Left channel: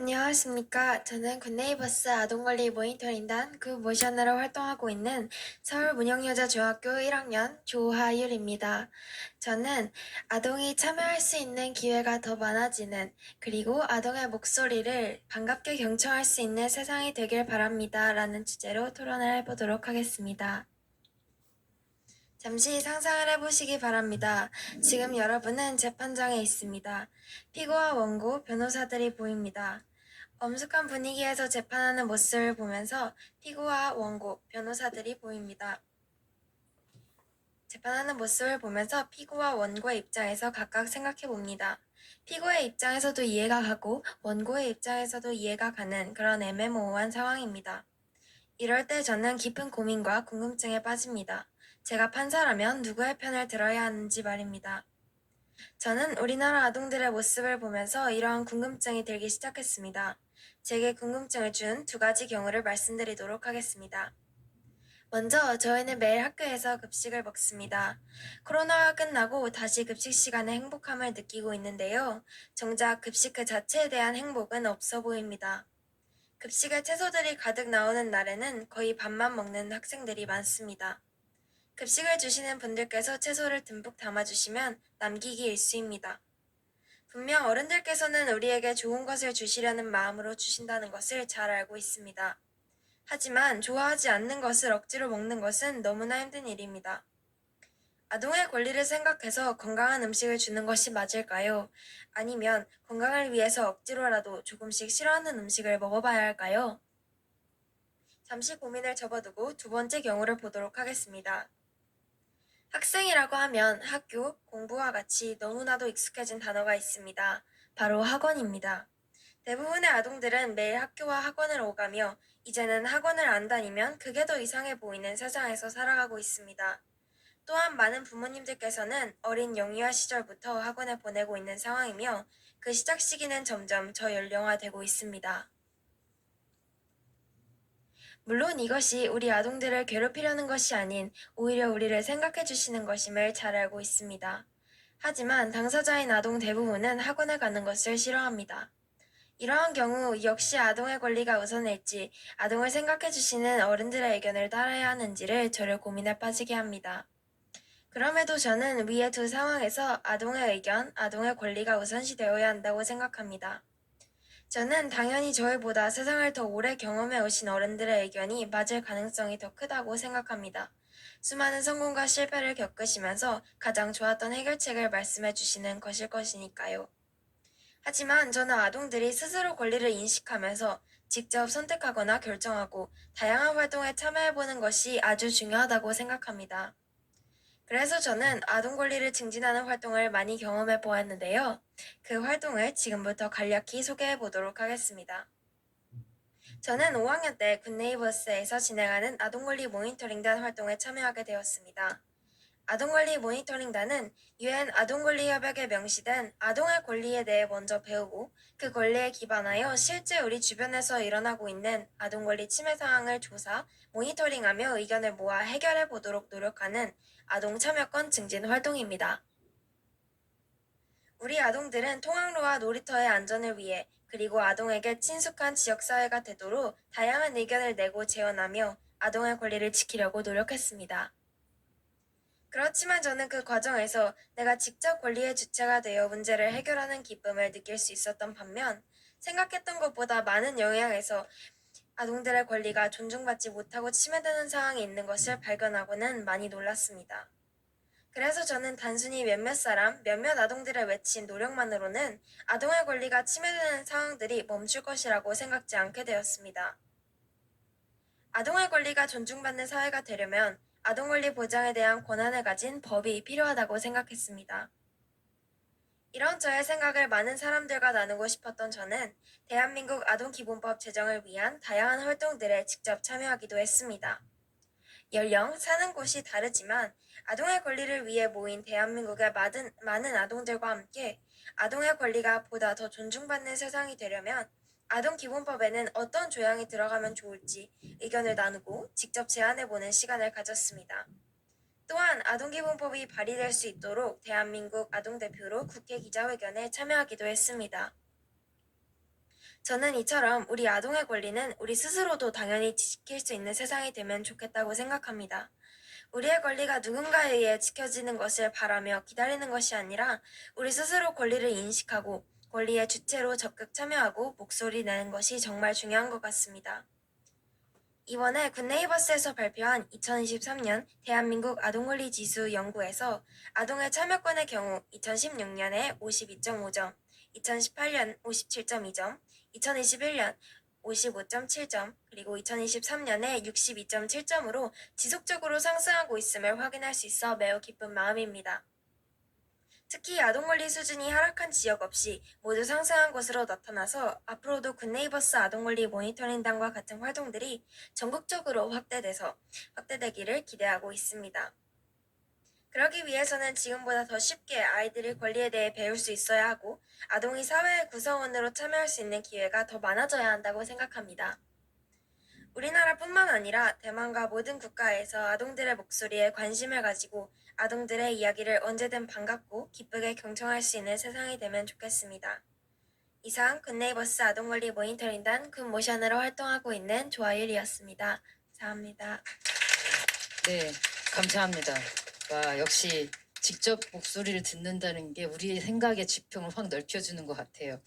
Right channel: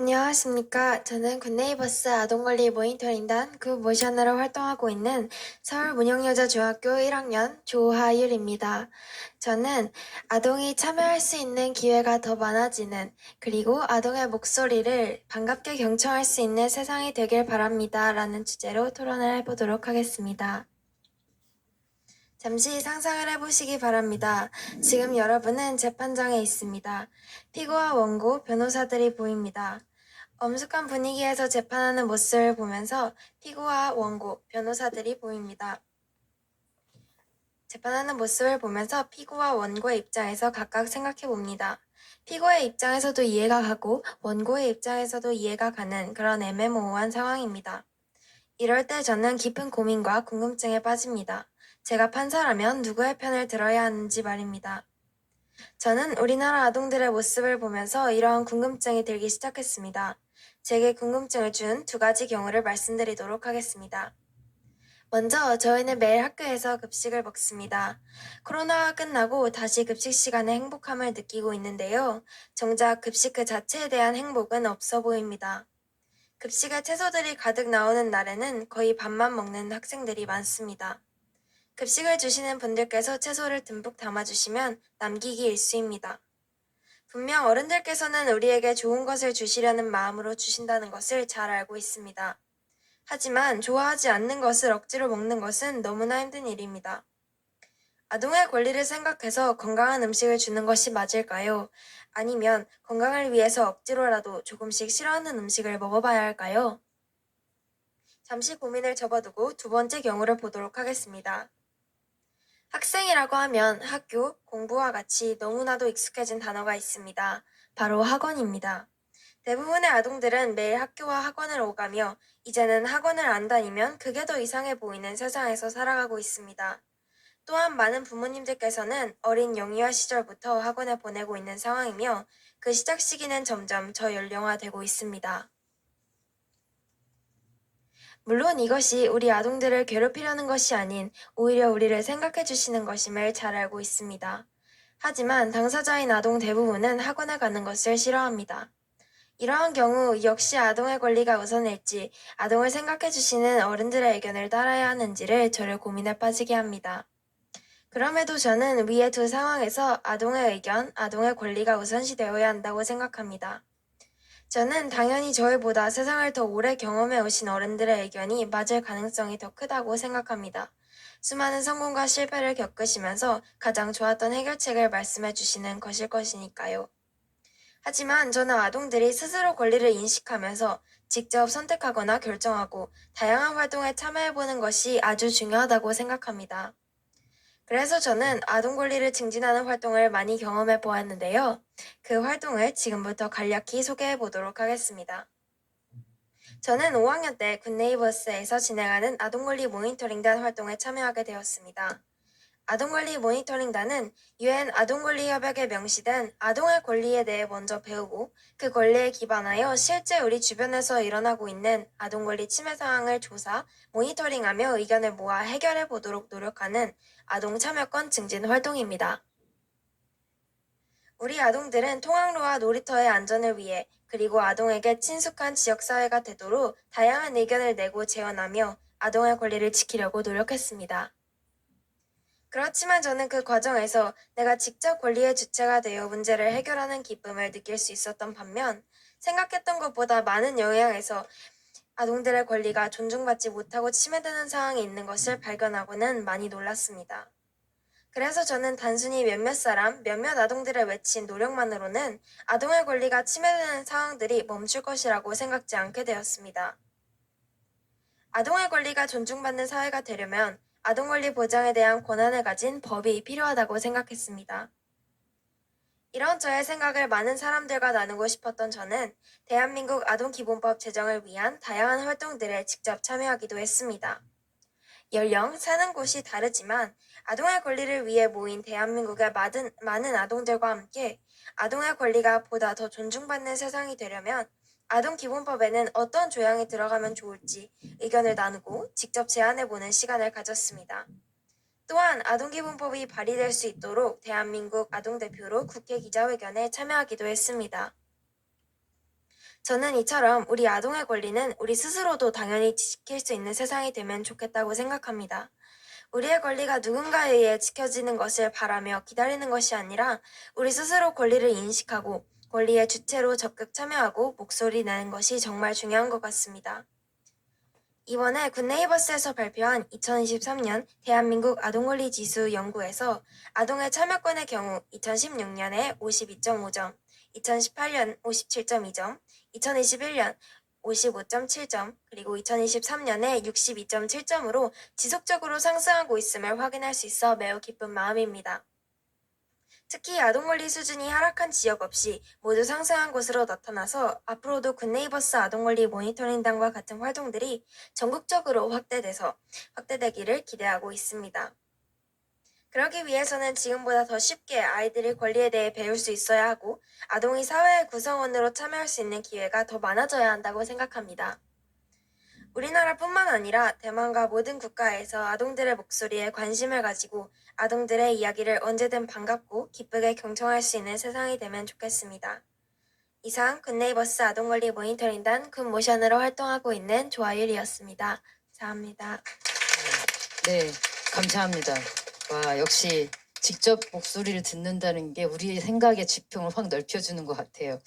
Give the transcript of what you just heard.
안녕하십니까. 저는 굿네이버스 아동권리 모니터링단 굿모션으로 활동하고 있는 서울문영여자중학교 1학년 조하율입니다. 저는 아동이 참여할 수 있는 기회가 더 많아지는, 그리고 아동의 목소리를 반갑게 경청할 수 있는 세상이 되길 바랍니다. 라는 주제로 토론을 해보도록 하겠습니다. 잠시 상상을 해보시기 바랍니다. 지금 여러분은 재판장에 있습니다. 피고와 원고, 변호사들이 보입니다. 엄숙한 분위기에서 재판하는 모습을 보면서 피고와 원고, 변호사들이 보입니다. 재판하는 모습을 보면서 피고와 원고의 입장에서 각각 생각해 봅니다. 피고의 입장에서도 이해가 가고 원고의 입장에서도 이해가 가는 그런 애매모호한 상황입니다. 이럴 때 저는 깊은 고민과 궁금증에 빠집니다. 제가 판사라면 누구의 편을 들어야 하는지 말입니다. 저는 우리나라 아동들의 모습을 보면서 이러한 궁금증이 들기 시작했습니다. 제게 궁금증을 준 두 가지 경우를 말씀드리도록 하겠습니다. 먼저 저희는 매일 학교에서 급식을 먹습니다. 코로나가 끝나고 다시 급식 시간에 행복함을 느끼고 있는데요. 정작 급식 그 자체에 대한 행복은 없어 보입니다. 급식에 채소들이 가득 나오는 날에는 거의 밥만 먹는 학생들이 많습니다. 급식을 주시는 분들께서 채소를 듬뿍 담아주시면 남기기 일쑤입니다. 분명 어른들께서는 우리에게 좋은 것을 주시려는 마음으로 주신다는 것을 잘 알고 있습니다. 하지만 좋아하지 않는 것을 억지로 먹는 것은 너무나 힘든 일입니다. 아동의 권리를 생각해서 건강한 음식을 주는 것이 맞을까요? 아니면 건강을 위해서 억지로라도 조금씩 싫어하는 음식을 먹어봐야 할까요? 잠시 고민을 접어두고 두 번째 경우를 보도록 하겠습니다. 학생이라고 하면 학교, 공부와 같이 너무나도 익숙해진 단어가 있습니다. 바로 학원입니다. 대부분의 아동들은 매일 학교와 학원을 오가며 이제는 학원을 안 다니면 그게 더 이상해 보이는 세상에서 살아가고 있습니다. 또한 많은 부모님들께서는 어린 영유아 시절부터 학원에 보내고 있는 상황이며 그 시작 시기는 점점 저연령화되고 있습니다. 물론 이것이 우리 아동들을 괴롭히려는 것이 아닌 오히려 우리를 생각해 주시는 것임을 잘 알고 있습니다. 하지만 당사자인 아동 대부분은 학원에 가는 것을 싫어합니다. 이러한 경우 역시 아동의 권리가 우선일지 아동을 생각해 주시는 어른들의 의견을 따라야 하는지를 저를 고민에 빠지게 합니다. 그럼에도 저는 위의 두 상황에서 아동의 의견, 아동의 권리가 우선시되어야 한다고 생각합니다. 저는 당연히 저희보다 세상을 더 오래 경험해 오신 어른들의 의견이 맞을 가능성이 더 크다고 생각합니다. 수많은 성공과 실패를 겪으시면서 가장 좋았던 해결책을 말씀해 주시는 것일 것이니까요. 하지만 저는 아동들이 스스로 권리를 인식하면서 직접 선택하거나 결정하고 다양한 활동에 참여해보는 것이 아주 중요하다고 생각합니다. 그래서 저는 아동 권리를 증진하는 활동을 많이 경험해 보았는데요. 그 활동을 지금부터 간략히 소개해 보도록 하겠습니다. 저는 5학년 때 굿네이버스에서 진행하는 아동권리 모니터링단 활동에 참여하게 되었습니다. 아동권리 모니터링단은 UN 아동권리협약에 명시된 아동의 권리에 대해 먼저 배우고 그 권리에 기반하여 실제 우리 주변에서 일어나고 있는 아동권리 침해 상황을 조사, 모니터링하며 의견을 모아 해결해 보도록 노력하는 아동 참여권 증진 활동입니다. 우리 아동들은 통학로와 놀이터의 안전을 위해 그리고 아동에게 친숙한 지역사회가 되도록 다양한 의견을 내고 재현하며 아동의 권리를 지키려고 노력했습니다. 그렇지만 저는 그 과정에서 내가 직접 권리의 주체가 되어 문제를 해결하는 기쁨을 느낄 수 있었던 반면 생각했던 것보다 많은 영향에서 아동들의 권리가 존중받지 못하고 침해되는 상황이 있는 것을 발견하고는 많이 놀랐습니다. 그래서 저는 단순히 몇몇 사람, 몇몇 아동들의 외친 노력만으로는 아동의 권리가 침해되는 상황들이 멈출 것이라고 생각지 않게 되었습니다. 아동의 권리가 존중받는 사회가 되려면 아동 권리 보장에 대한 권한을 가진 법이 필요하다고 생각했습니다. 이런 저의 생각을 많은 사람들과 나누고 싶었던 저는 대한민국 아동기본법 제정을 위한 다양한 활동들에 직접 참여하기도 했습니다. 연령, 사는 곳이 다르지만 아동의 권리를 위해 모인 대한민국의 많은 아동들과 함께 아동의 권리가 보다 더 존중받는 세상이 되려면 아동기본법에는 어떤 조항이 들어가면 좋을지 의견을 나누고 직접 제안해보는 시간을 가졌습니다. 또한 아동기본법이 발의될 수 있도록 대한민국 아동대표로 국회 기자회견에 참여하기도 했습니다. 저는 이처럼 우리 아동의 권리는 우리 스스로도 당연히 지킬 수 있는 세상이 되면 좋겠다고 생각합니다. 우리의 권리가 누군가에 의해 지켜지는 것을 바라며 기다리는 것이 아니라 우리 스스로 권리를 인식하고 권리의 주체로 적극 참여하고 목소리 내는 것이 정말 중요한 것 같습니다. 이번에 굿네이버스에서 발표한 2023년 대한민국 아동권리 지수 연구에서 아동의 참여권의 경우 2016년에 52.5점, 2018년 57.2점, 2021년 55.7점, 그리고 2023년에 62.7점으로 지속적으로 상승하고 있음을 확인할 수 있어 매우 기쁜 마음입니다. 특히 아동권리 수준이 하락한 지역 없이 모두 상승한 것으로 나타나서 앞으로도 굿네이버스 아동권리 모니터링단과 같은 활동들이 전국적으로 확대되기를 기대하고 있습니다. 그러기 위해서는 지금보다 더 쉽게 아이들의 권리에 대해 배울 수 있어야 하고 아동이 사회의 구성원으로 참여할 수 있는 기회가 더 많아져야 한다고 생각합니다. 우리나라뿐만 아니라 대만과 모든 국가에서 아동들의 목소리에 관심을 가지고 아동들의 이야기를 언제든 반갑고 기쁘게 경청할 수 있는 세상이 되면 좋겠습니다. 이상 굿네이버스 아동권리 모니터링단 굿모션으로 활동하고 있는 조아율이었습니다. 감사합니다. 네, 감사합니다. 와, 역시 직접 목소리를 듣는다는 게 우리의 생각의 지평을 확 넓혀주는 것 같아요.